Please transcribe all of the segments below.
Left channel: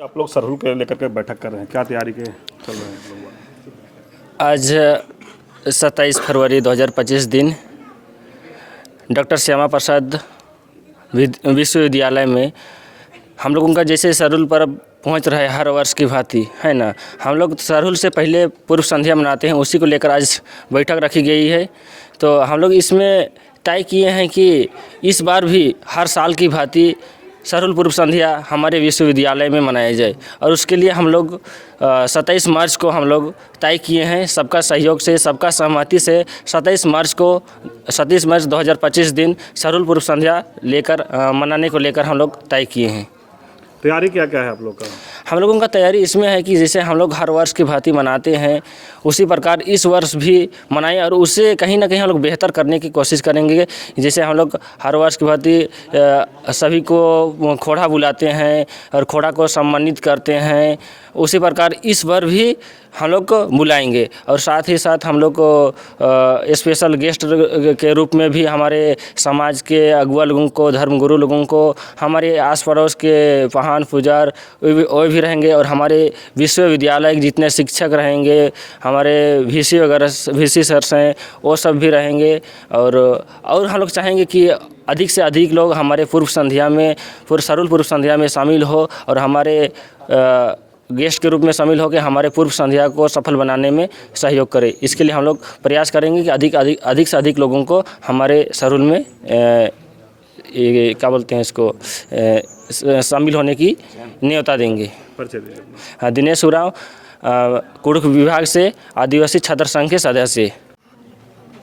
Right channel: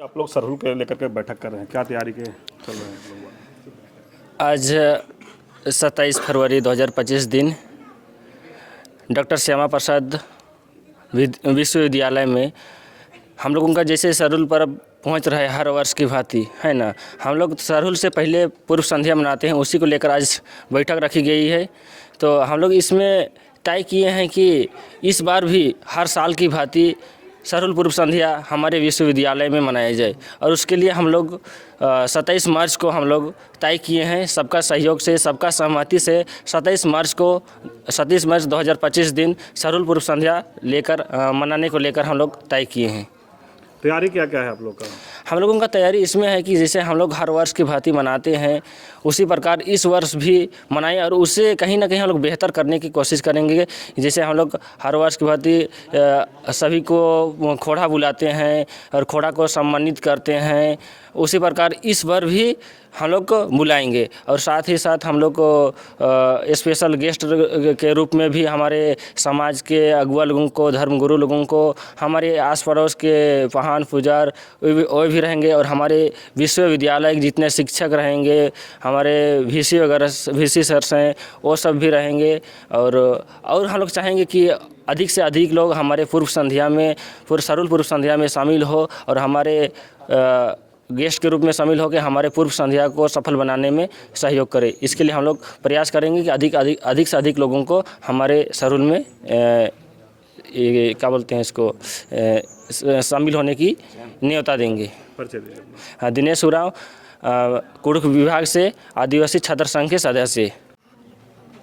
आप लोग सरहुल के लेकर के बैठक कर रहे हैं, क्या तैयारी के चल रहे हैं? आज 27 फरवरी 2025 दिन डॉक्टर श्यामा प्रसाद विश्वविद्यालय में हम लोगों का जैसे सरहुल पर्व पहुंच रहा है हर वर्ष की भांति, है ना। हम लोग सरहुल से पहले पूर्व संध्या मनाते हैं, उसी को लेकर आज बैठक रखी गई है। तो हम लोग इसमें तय किए हैं कि इस बार भी हर साल की भांति सरहुल पूर्व संध्या हमारे विश्वविद्यालय में मनाया जाए, और उसके लिए हम लोग 27 मार्च को हम लोग तय किए हैं, सबका सहयोग से, सबका सहमति से 27 मार्च 2025 दिन सरहुल पूर्व संध्या लेकर मनाने को लेकर हम लोग तय किए हैं। तैयारी क्या क्या है आप लोग का? हम लोगों का तैयारी इसमें है कि जैसे हम लोग हर वर्ष की भांति मनाते हैं, उसी प्रकार इस वर्ष भी मनाएं, और उससे कहीं ना कहीं हम लोग बेहतर करने की कोशिश करेंगे। जैसे हम लोग हर वर्ष की भांति सभी को खोड़ा बुलाते हैं और खोड़ा को सम्मानित करते हैं, उसी प्रकार इस बार भी हम लोग को बुलाएंगे। और साथ ही साथ हम लोग को स्पेशल गेस्ट के रूप में भी हमारे समाज के अगुआ लोगों को, धर्मगुरु लोगों को, हमारे आस पड़ोस के महान पुजार वो भी रहेंगे, और हमारे विश्वविद्यालय के जितने शिक्षक रहेंगे, हमारे वीसी वगैरह वीसी सर्स हैं, वो सब भी रहेंगे। और हम लोग चाहेंगे कि अधिक से अधिक लोग हमारे सरहुल पूर्व संध्या में शामिल हो, और हमारे गेस्ट के रूप में शामिल होकर हमारे पूर्व संध्या को सफल बनाने में सहयोग करें। इसके लिए हम लोग प्रयास करेंगे कि अधिक से अधिक लोगों को हमारे सरहुल में क्या बोलते हैं इसको, शामिल होने की न्योता देंगे। हाँ, दिनेश उरांव, कुड़ुख विभाग से आदिवासी छात्र संघ के सदस्य।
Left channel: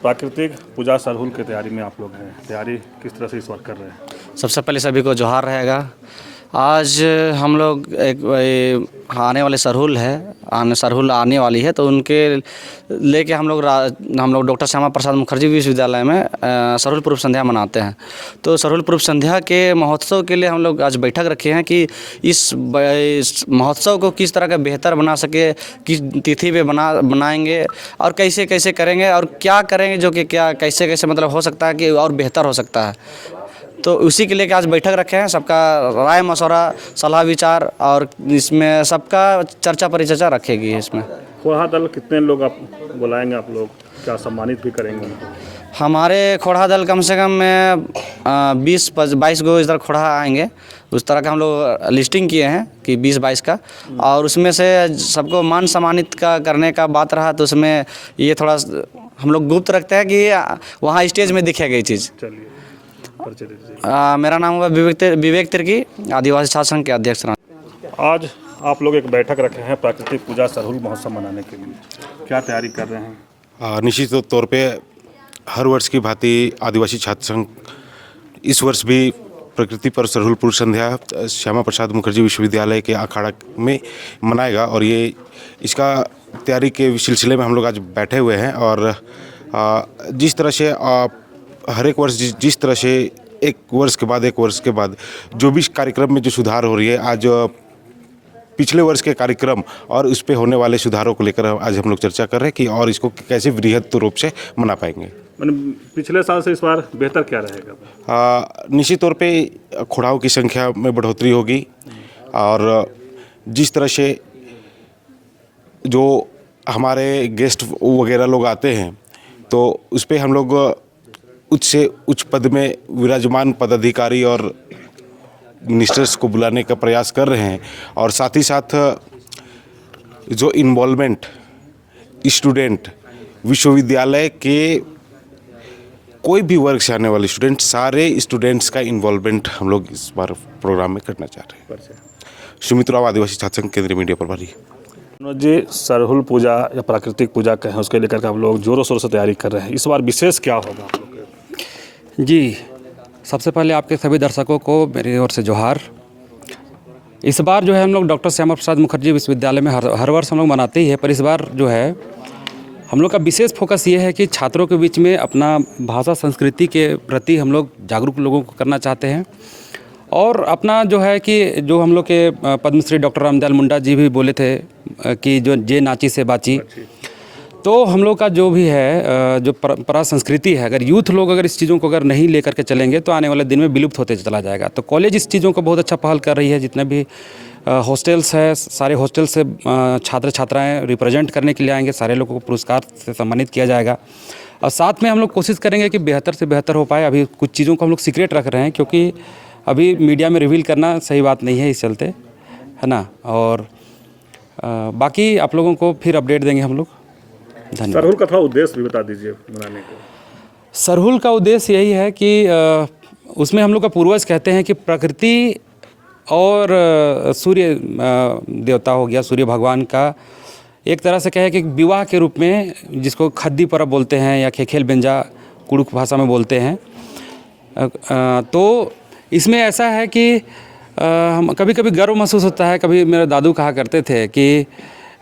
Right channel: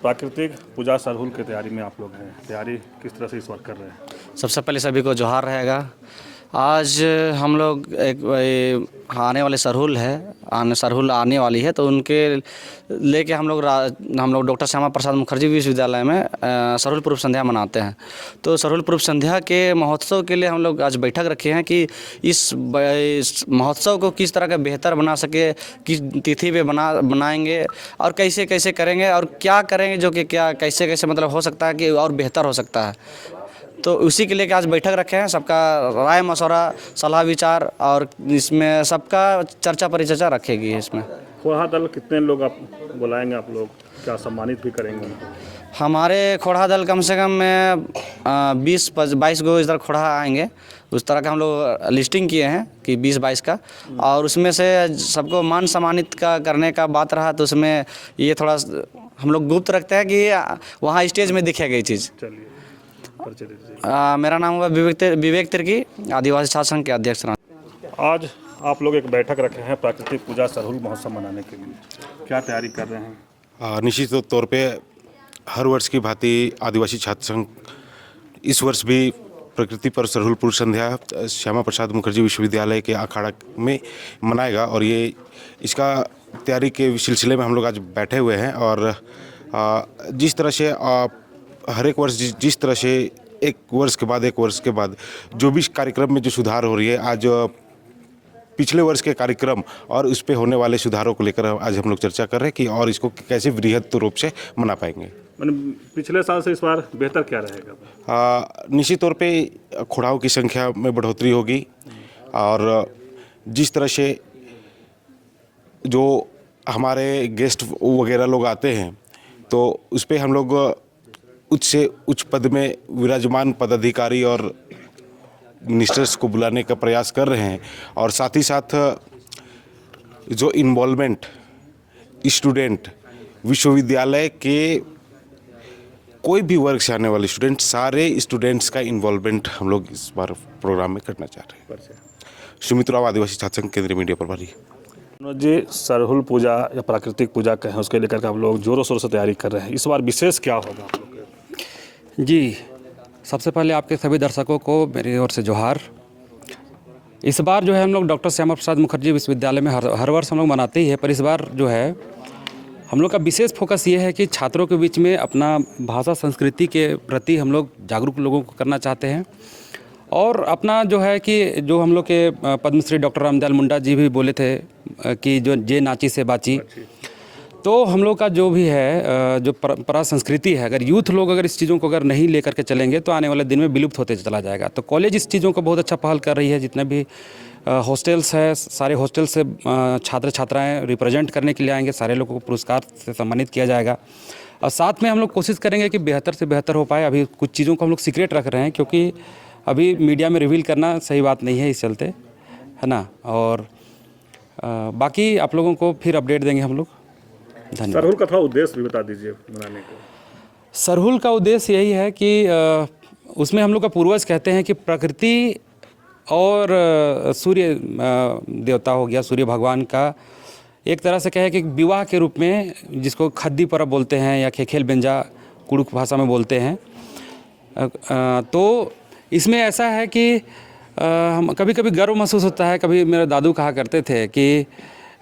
प्राकृतिक पूजा सरहुल की तैयारी में आप लोग हैं, तैयारी किस तरह से इस बार कर रहे हैं? सबसे पहले सभी को जोहार रहेगा। आज हम लोग एक आने वाले सरहुल आने वाली है, तो उनके लेके हम लोग डॉक्टर श्यामा प्रसाद मुखर्जी विश्वविद्यालय में सरहुल पूर्व संध्या मनाते हैं। तो सरहुल पूर्व संध्या के महोत्सव के लिए हम लोग आज बैठक रखे हैं कि इस महोत्सव को किस तरह का बेहतर बना सके, किस तिथि पे बनाएंगे और कैसे कैसे करेंगे, और क्या करेंगे जो कि क्या कैसे कैसे मतलब हो सकता है कि और बेहतर हो सकता है। तो उसी के लिए आज बैठक रखे हैं, सबका राय मशवरा, सलाह विचार, और इसमें सबका चर्चा परिचर्चा रखेगी। इसमें खोड़ा दल कितने लोग आप बुलाएंगे? आप लोग क्या सम्मानित भी करेंगे उनको? हमारे खोड़ा दल कम से कम 20-22 गो इधर खोड़ा आएंगे। उस तरह का हम लोग लिस्टिंग किए हैं कि 20-22 का, और उसमें से सबको मान सम्मानित करने का बात रहा, तो उसमें ये थोड़ा हम लोग गुप्त रखते हैं कि वहाँ स्टेज में दिखेगा ये चीज़। चलिए, मेरा नाम हुआ विवेक तिर्की, आदिवासी छात्र संघ के अध्यक्ष। आज आप लोग एक बैठक रखे हैं प्राकृतिक पूजा सरहुल महोत्सव मनाने के लिए, क्या तैयारी कर रहे हैं? निश्चित तौर पे हर वर्ष की भांति आदिवासी छात्र संघ इस वर्ष भी प्रकृति पर सरहुल पूर्व संध्या श्यामा प्रसाद मुखर्जी विश्वविद्यालय के अखाड़ा में मनाएगा, और ये इसका तैयारी के सिलसिले में हम लोग आज बैठे हुए हैं। और जिस तरह से हर एक वर्ष जिस तरह से एक वर्ष के बाद जो भी कार्यक्रम में जो सुधार हो रही है, आज पिछले वर्ष के कार्यक्रम और उस पे होने वाले सुधारों को लेकर आज हम लोग चर्चा कर रहे हैं कि और इसको कैसे वृहद रूप से मना पाएंगे। पिछले साल से इस बार बेहतर क्या रहेगा? निश्चित तौर पे खोड़ाओं की संख्या में बढ़ोतरी होगी, और जिस तरह से जो हमारे गेस्ट वगैरह लोग आते हैं, तो उस पर हम लोग उच्च से उच्च पद में विराजमान पदाधिकारी और मिनिस्टर्स को बुलाने का प्रयास कर रहे हैं। और साथ ही साथ जो इन्वॉल्वमेंट स्टूडेंट, विश्वविद्यालय के कोई भी वर्ग से आने वाले स्टूडेंट, सारे स्टूडेंट्स का इन्वॉल्वमेंट हम लोग इस बार प्रोग्राम में करना चाह रहे हैं। सुमित राव, आदिवासी छात्र संघ, केंद्रीय मीडिया प्रभारी। जी, सरहुल पूजा या प्राकृतिक पूजा कहें, उसके लेकर के आप लोग जोरों शोरों से तैयारी कर रहे हैं, इस बार विशेष क्या होगा आप लोग? जी, सबसे पहले आपके सभी दर्शकों को मेरी ओर से जोहार। इस बार जो है हम लोग डॉक्टर श्यामा प्रसाद मुखर्जी विश्वविद्यालय में हर वर्ष हम लोग मनाते ही है, पर इस बार जो है हम लोग का विशेष फोकस ये है कि छात्रों के बीच में अपना भाषा संस्कृति के प्रति हम लोग जागरूक लोगों को करना चाहते हैं। और अपना जो है कि जो हम लोग के पद्मश्री डॉक्टर रामदयाल मुंडा जी भी बोले थे कि जो जे नाची से बाची, तो हम लोग का जो भी है जो परंपरा संस्कृति है, अगर यूथ लोग अगर इस चीज़ों को अगर नहीं लेकर के चलेंगे तो आने वाले दिन में विलुप्त होते चला जाएगा। तो कॉलेज इस चीज़ों को बहुत अच्छा पहल कर रही है, जितने भी हॉस्टल्स है, सारे हॉस्टल से छात्र छात्राएं रिप्रेजेंट करने के लिए आएंगे, सारे लोगों को पुरस्कार से सम्मानित किया जाएगा। और साथ में हम लोग कोशिश करेंगे कि बेहतर से बेहतर हो पाए। अभी कुछ चीज़ों को हम लोग सीक्रेट रख रहे हैं क्योंकि अभी मीडिया में रिवील करना सही बात नहीं है, इस चलते, है ना। और बाकी आप लोगों को फिर अपडेट देंगे हम लोग। धन्यवाद। सरहुल का थोड़ा उद्देश्य भी बता दीजिए मनाने का। सरहुल का उद्देश्य यही है कि उसमें हम लोग का पूर्वज कहते हैं कि प्रकृति और सूर्य देवता हो गया, सूर्य भगवान का एक तरह से कहे कि विवाह के रूप में, जिसको खद्दी पर्व बोलते हैं या खेखेल बेंजा कुड़ुक भाषा में बोलते हैं। तो इसमें ऐसा है कि हम कभी कभी गर्व महसूस होता है। कभी मेरे दादू कहा करते थे कि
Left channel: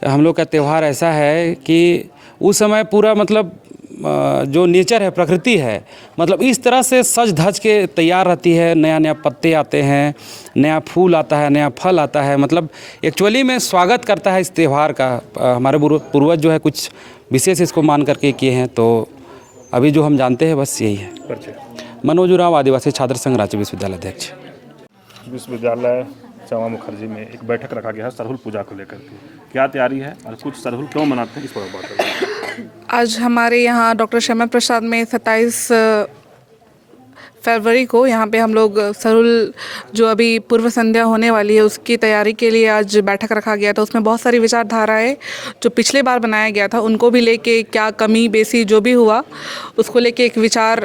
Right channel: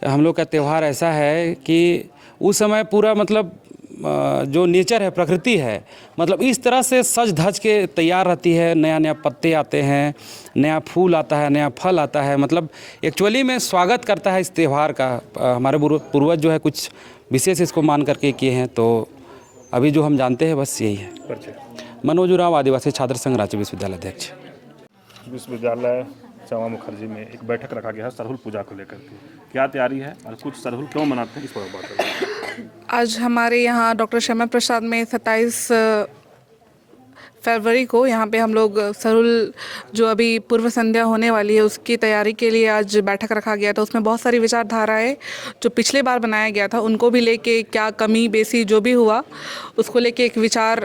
हम लोग का त्यौहार ऐसा है कि उस समय पूरा मतलब जो नेचर है, प्रकृति है, मतलब इस तरह से सज धज के तैयार रहती है। नया नया पत्ते आते हैं, नया फूल आता है, नया फल आता है, मतलब एक्चुअली में स्वागत करता है इस त्यौहार का। हमारे पूर्वज जो है कुछ विशेष इसको मान करके किए हैं। तो अभी जो हम जानते हैं बस यही है। मनोज उरांव, आदिवासी छात्र संघ, रांची विश्वविद्यालय अध्यक्ष। विश्वविद्यालय श्यामा मुखर्जी में एक बैठक रखा गया है सरहुल पूजा को लेकर के। क्या तैयारी है और कुछ सरहुल क्यों मनाते हैं, इस पर बात करेंगे। आज हमारे यहाँ डॉक्टर श्यामा प्रसाद में 27 फरवरी को यहाँ पे हम लोग सरहुल जो अभी पूर्व संध्या होने वाली है उसकी तैयारी के लिए आज बैठक रखा गया था। उसमें बहुत सारी विचारधाराएं जो पिछले बार बनाया गया था उनको भी लेके, क्या कमी बेसी जो भी हुआ उसको लेके एक विचार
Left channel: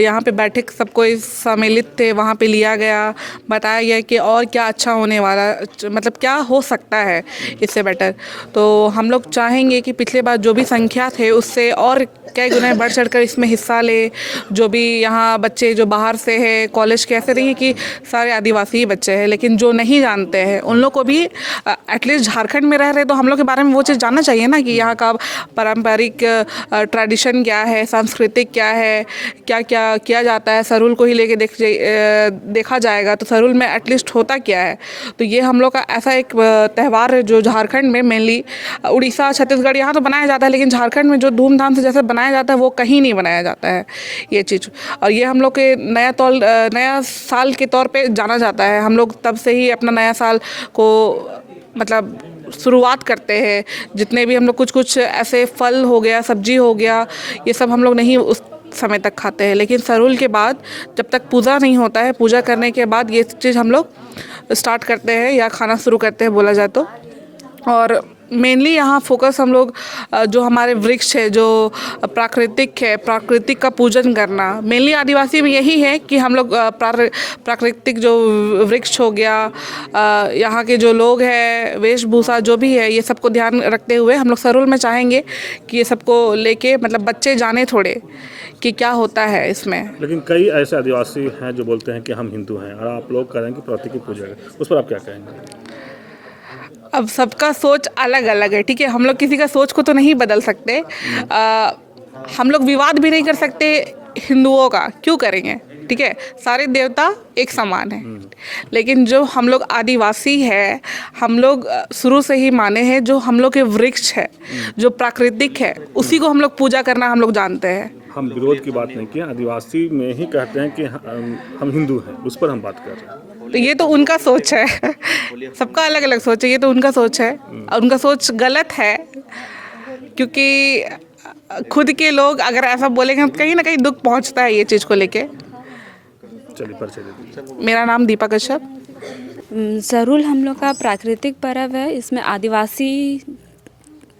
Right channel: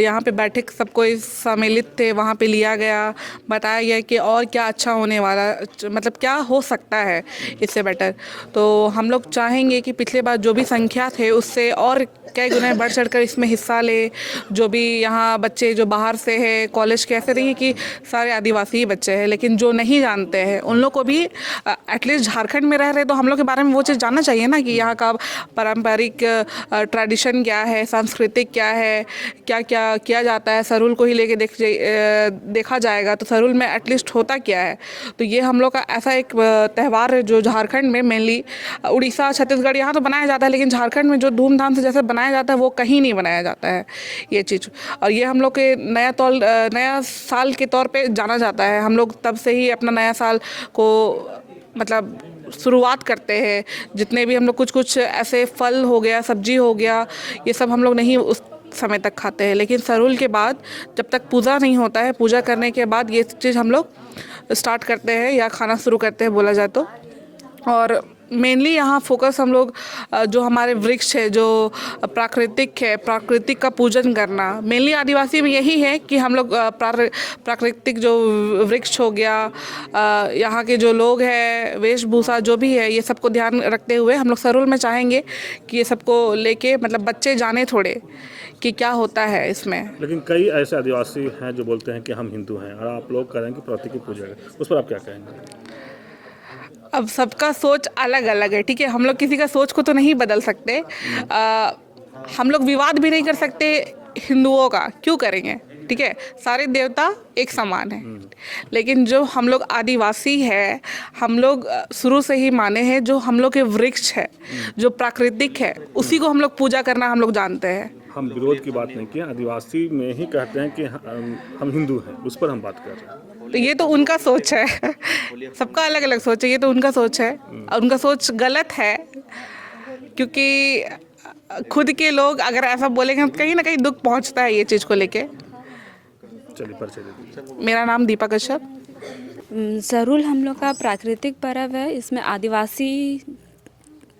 यहाँ पे बैठक सबको सम्मिलित थे, वहाँ पे लिया गया, बताया गया कि और क्या अच्छा होने वाला, मतलब क्या हो सकता है इससे बेटर। तो हम लोग चाहेंगे कि पिछले बार जो भी संख्या थे उससे और कई गुना बढ़ चढ़कर इसमें हिस्सा ले। जो भी यहाँ बच्चे जो बाहर से है, कॉलेज के, ऐसे नहीं है कि सारे आदिवासी बच्चे हैं, लेकिन जो नहीं जानते हैं उन लोग को भी एटलीस्ट झारखंड में रह रहे तो हम लोग के बारे में वो चीज़ जानना चाहिए ना कि यहाँ का पारंपरिक ट्रेडिशन क्या है, सांस्कृतिक क्या है, क्या क्या किया जाता है। सरहुल को ही लेके देखा जाएगा तो सरहुल में एटलीस्ट होता क्या है। तो ये हम लोग का ऐसा एक त्यौहार है जो झारखंड में मेनली, उड़ीसा, छत्तीसगढ़ यहाँ तो बनाया जाता है, लेकिन झारखंड में जो धूमधाम से जैसे बनाया जाता है वो कहीं नहीं बनाया जाता है ये चीज़। और ये हम लोग के नया साल के तौर पे जाना जाता है। हम लोग तब से ही अपना नया साल को मतलब शुरुआत करते हैं। जितने भी हम लोग कुछ ऐसे फल हो गया, सब्जी हो गया, ये सब हम लोग नहीं उस समय तक खाते हैं, लेकिन सरहुल के बाद जब तक पूजा नहीं होता है, पूजा करने के बाद ये चीज़ हम लोग स्टार्ट करते हैं या खाना शुरू करते हैं बोला जाए तो। और मेनली यहाँ फोकस हम लोग जो हमारे वृक्ष है, जो प्राकृतिक है, प्राकृतिक का पूजन करना मेनली आदिवासी में यही है कि हम लोग प्राकृतिक जो वृक्ष हो गया, यहाँ के जो लोग हैं, वेशभूषा जो भी है, ये सबको ध्यान रखते हुए हम लोग सरहुल में चाहेंगे कि ये सबको लेके मतलब बच्चे जाने थोड़े कि क्या होता है इसमें। लेकिन कई ऐसे आदिवासी हैं जो बोलते हैं कि हम हिंदू हैं और आप लोग कह रहे हैं कि प्राकृतिक पूजा है, उस पर आप क्या कहेंगे। अब सबका सोच अलग अलग है, ठीक है। हम लोग किसी का सोच को तो नहीं बदल सकते। हम लोग विवाद भी नहीं कर सकते हिंदुओं का, क्यों करेंगे, ठीक है। सारे देवता एक समान है, लेकिन जो हम लोग आदिवासी है, हम लोग शुरू से ही माने हैं जो हम लोग के वृक्ष है, जो प्राकृतिक है, उसी को हम लोग पूजा करना हम लोग जानते हैं। हम विरोध की बात नहीं की, आदिवासी में ही कहते हैं कि हम हिंदू हैं, उस पर हम बात कर रहे हैं। तो ये तो उनका सोच है, सबका अलग अलग सोच है, ये तो उनका सोच है और उनका सोच गलत है, क्योंकि खुद के लोग अगर ऐसा बोलेंगे तो कहीं ना कहीं दुख पहुंचता है ये चीज़ को लेके। चलिए परिचय दे दीजिए। मेरा नाम दीपा कश्यप। सरहुल हम लोग का प्राकृतिक पर्व है। इसमें आदिवासी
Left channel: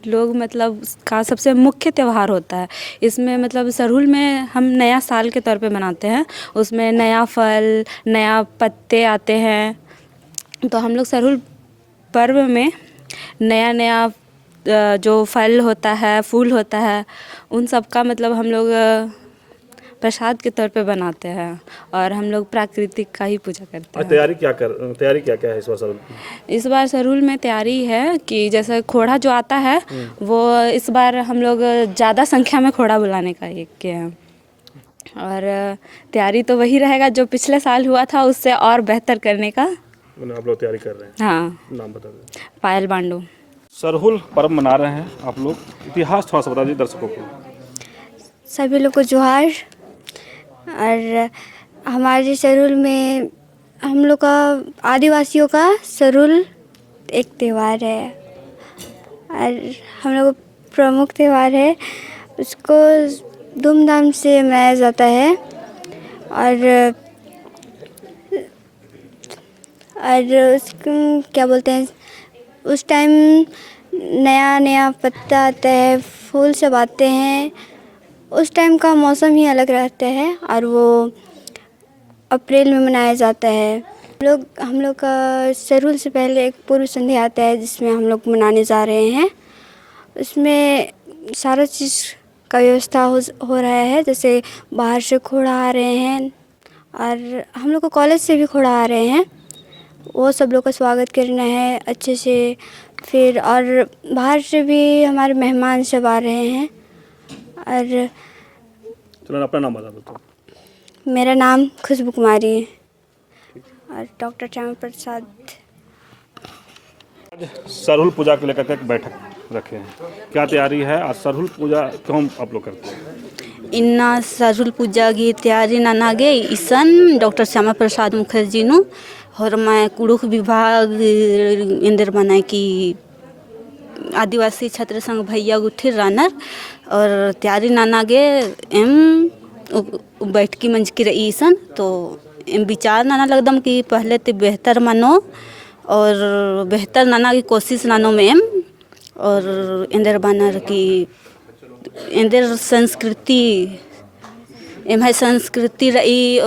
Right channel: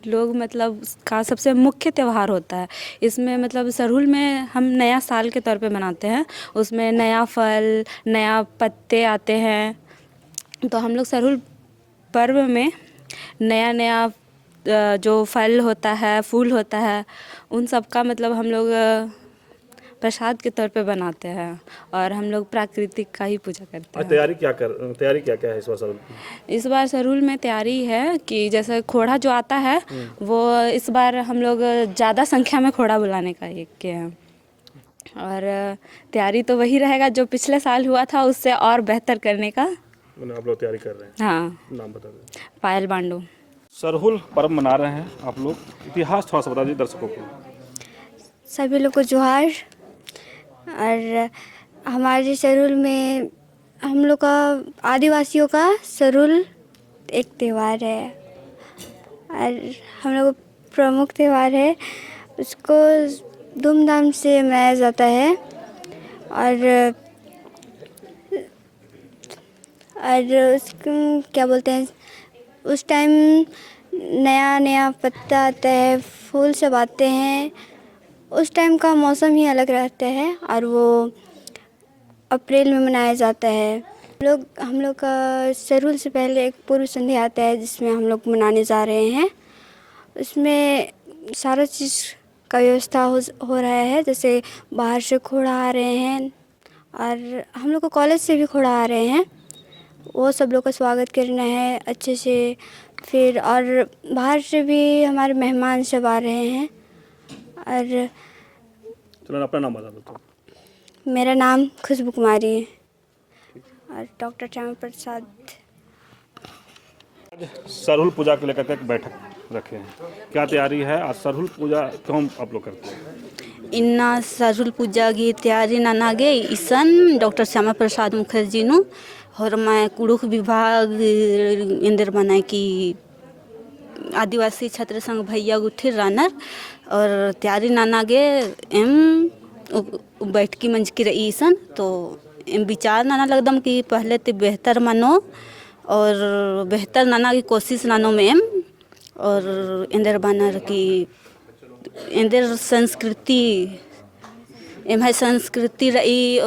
लोग मतलब का सबसे मुख्य त्यौहार होता है। इसमें मतलब सरहुल में हम नया साल के तौर पे मनाते हैं। उसमें नया फल, नया पत्ते आते हैं, तो हम लोग सरहुल पर्व में नया नया जो फल होता है, फूल होता है, उन सब का मतलब हम लोग प्रसाद के तौर पे बनाते हैं और हम लोग प्राकृतिक का ही पूजा करते हैं। तैयारी क्या है इस बार सरहुल में? इस बार सरहुल में तैयारी है कि जैसे खोड़ा जो आता है वो इस बार हम लोग ज़्यादा संख्या में खोड़ा बुलाने का एक किए हैं। और तैयारी तो वही रहेगा जो पिछले साल हुआ था, उससे और बेहतर करने का आप लोग तैयारी कर रहे हैं। हाँ। नाम बता दें। पायल बांडू। सरहुल पर्व मना रहे हैं आप लोग, इतिहास थोड़ा सा बता दीजिए दर्शकों को। सभी लोग को जोहार। और हमारे सरहुल में हम लोग का आदिवासियों का सरहुल एक त्यौहार है और हम लोग का प्रमुख त्यौहार है। उसको धूमधाम से मनाया जाता है और उसको क्या बोलते हैं, उस टाइम नया नया पत्ता आता है, फूल सब आते हैं। उस टाइम का मौसम ही अलग रहता है और वो अप्रैल में मनाया जाता है। हम लोग का सरहुल से पहले एक पूर्व संध्या आता है जिसमें हम लोग मनाने जा रहे हैं। उसमें सारा चीज़ का व्यवस्था हो रहा है, जैसे बाहर से घोड़ा आ रहे हैं और हम लोग को कॉलेज से भी घोड़ा आ रहे हैं। वो सब लोग का स्वागत करना है अच्छे से। फिर और बाहर से भी हमारे मेहमान सब आ रहे हैं। और चलो अपना नाम बता दो। मेरा नाम खुशबू कुमारी है और डॉक्टर श्यामा प्रसाद। सरहुल पूजा को लेकर के एक बैठक रखे हैं, क्या तैयारी है और सरहुल पूजा क्यों आप लोग करते हैं? इन्ना सरहुल पूजा की तैयारी नानागे ईसन डॉक्टर श्यामा प्रसाद मुखर्जी नु और मैं कुड़ुख विभाग इंदर बनाए की आदिवासी छात्र संघ भैया गुठिर रानर और तैयारी नानागे एम बैठकी मंच की रही ईसन तो एम विचार नाना लगदम कि पहले तो बेहतर मानो और बेहतर नाना की कोशिश नानो में एम और इंदर बानर की इंदर संस्कृति एम है संस्कृति रही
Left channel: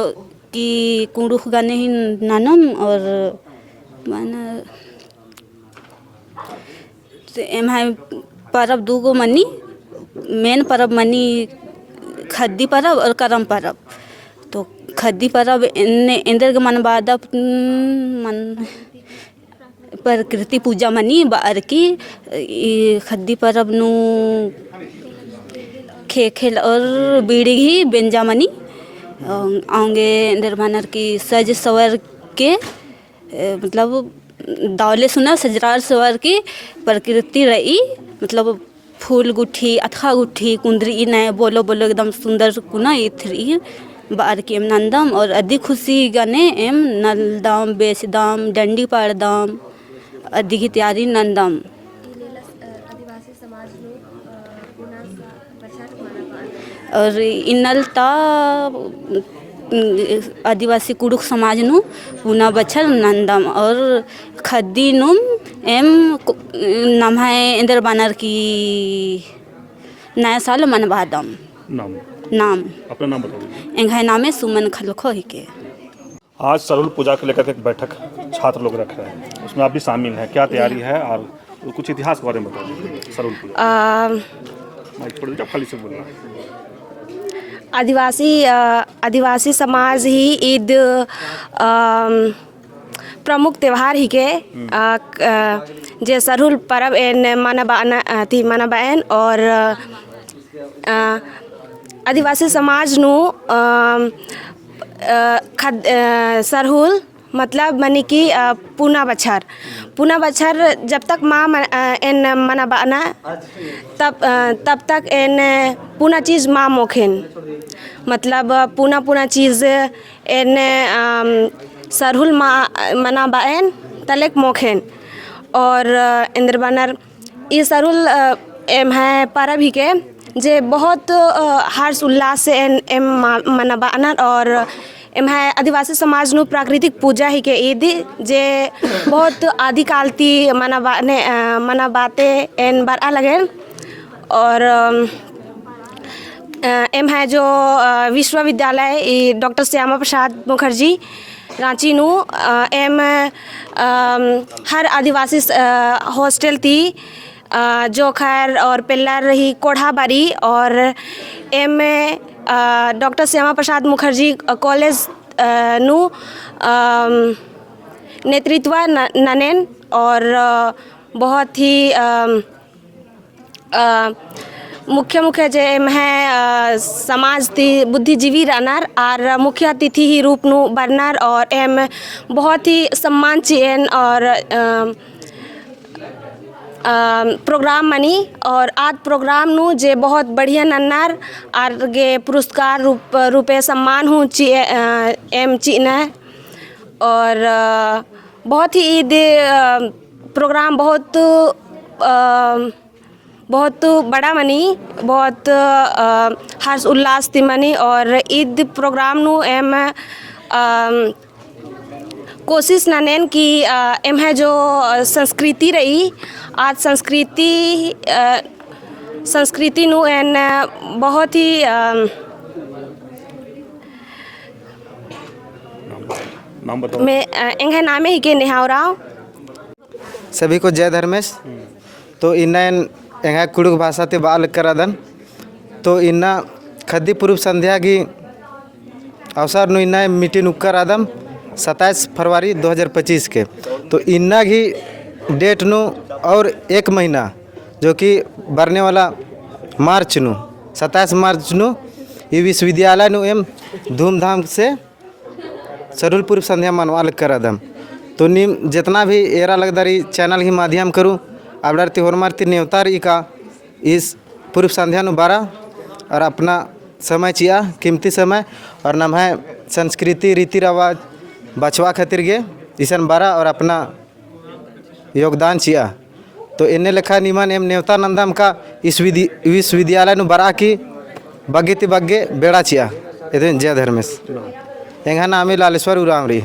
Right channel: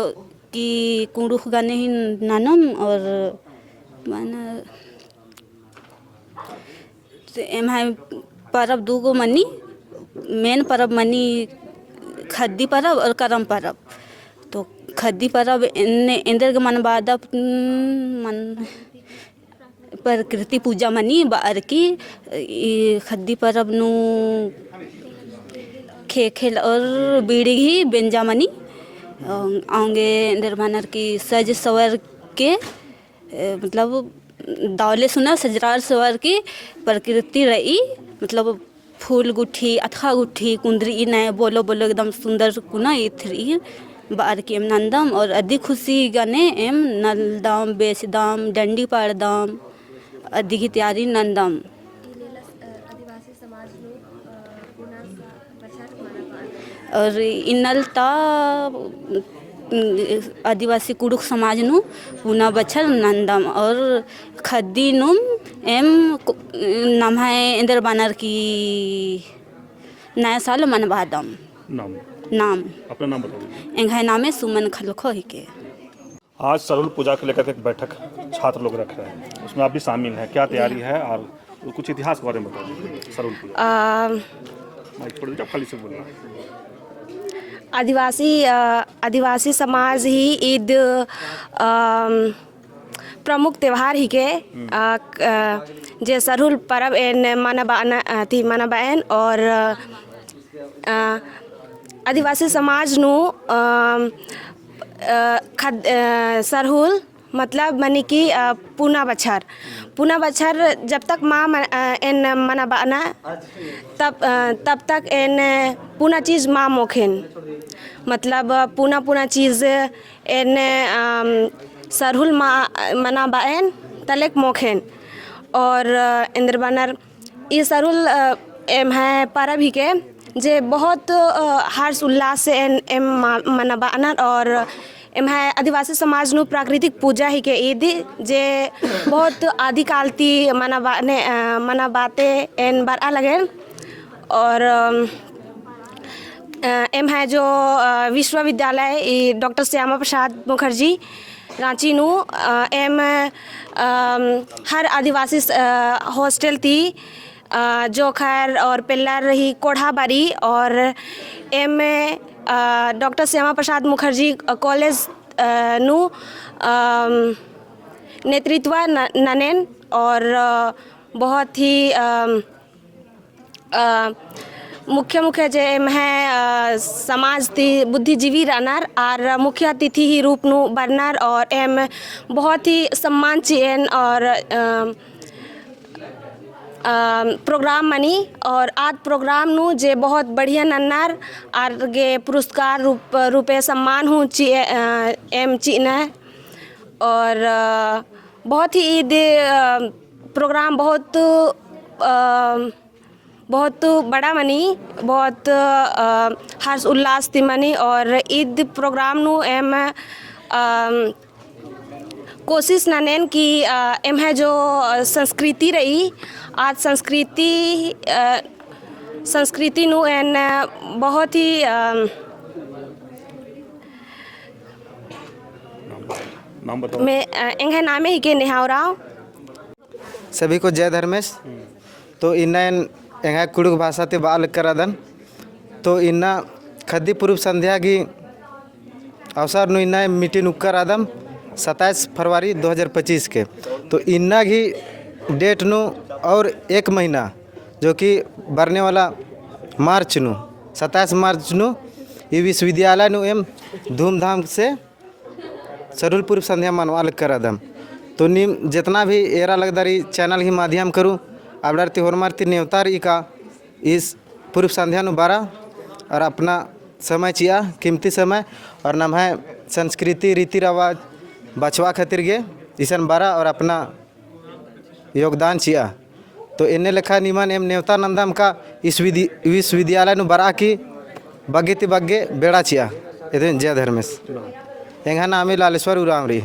कि कुंडुख गाने ही नानम और माना एम है परब दूगो मनी मेन परब मनी खद्दी परब और करम परब। तो खद्दी परब इंदर के मन बाद मन प्रकृति पूजा मनी बार की खद्दी परब नु खेल और बीड़ी ही बेंजा मनी आऊँगे निर्माणर की सज सवर के मतलब दावले सुना सजरार सवर की प्रकृति रही मतलब फूल गुठी अथा गुठी कुंदरी नए बोलो बोलो एकदम सुंदर कुना इथरी बार की एम नंदम और अधिक खुशी गाने एम नलदाम बेचदाम डंडी पाड़दाम अधिक तैयारी नंदम। और इनलता आदिवासी कुड़ुक समाज नु पुना बछर नंदम और खद्दी नुम एम नाम है इंदर बानर की नया साल मनवादम। नाम अपना नाम बताओ। एंघाई नामे सुमन खलखो ही के। आज सरहुल पूजा को लेकर एक बैठक छात्र लोग रख रहे हैं, उसमें आप भी शामिल हैं, क्या तैयारी है और कुछ इतिहास के बारे में बता दीजिए सरहुल पूजा। खाली से बोलना। आदिवासी समाज ही ईद प्रमुख त्यौहार ही के जे सरहुल परब एन मनाबाएन और आदिवासी समाज नु सरहुल मतलब मनी की पूना बछर जब तक माँ एन मनाबाना तब तक एन पूना चीज़ माँ मोखेन मतलब पूना चीज़ एन सरहुल मनाबाएन तलेक मोखेन और इंद्र बानर ये सरहुल एम है परब ही के जे बहुत हर्ष उल्लास से एम मनाबाना और एम है आदिवासी समाज नु प्राकृतिक पूजा ही के ईद जे बहुत आदिकाल ती मनाबाते एन बरा लगे और एम है जो विश्वविद्यालय डॉक्टर श्यामा प्रसाद मुखर्जी रांची नु एम हर आदिवासी हॉस्टल थी जो खैर और पिल्लर रही कोढ़ाबारी और M doctor Shyama Prasad Mukherjee college नु नेतृत्व ननेन और बहुत ही मुख्य जे एम है समाज ती बुद्धिजीवी रनर और मुख्य अतिथि ही रूप नु बरनर और एम बहुत ही सम्मान चेन और प्रोग्राम मनी और आज प्रोग्राम नु जे बहुत बढ़िया नन्नार और गे पुरस्कार रूपे सम्मान हूँ एम चीना और बहुत ही ईद प्रोग्राम बहुत बहुत बड़ा मनी, बहुत हर्ष उल्लास थी मनी। और ईद प्रोग्राम नू एम कोशिश नैन की एम है जो संस्कृति रही, आज संस्कृति नू एन बहुत ही नाम बताओ। मैं एंगे नामे ही के निहावराव। सभी को जय धर्मेश। तो इन्ना एंगा कुड़ुक भाषा ते बाल करादन तो इन्ना खद्दी पूर्व संध्या की अवसर नु इन्ना मीटिंग उक्कर आदम 27 फरवरी 2025 के। तो इन्ना की डेट नु और एक महीना जो कि बढ़ने वाला मार्च नु 27 मार्च नु ये विश्वविद्यालय नु एम धूमधाम से सरहुल पूर्व संध्या मनवाल कर आदम। तो निम जितना भी एरा लगदारी चैनल के माध्यम करूँ अब त्योहार मारती न्योतार का इस पूर्व संध्या नु 12 और अपना समय चिया कीमती समय और नाम है संस्कृति रीति रिवाज बचवा खातिर गे ईसन 12 और अपना योगदान चिया। तो इन्हें लेखा निमन एम न्योता नंदम का इस विश्वविद्यालय नु 12 की बग्गे ति बग्गे बेड़ा चिया। जय धर्मेश। एंगा नामी लालेश्वर उरामरी।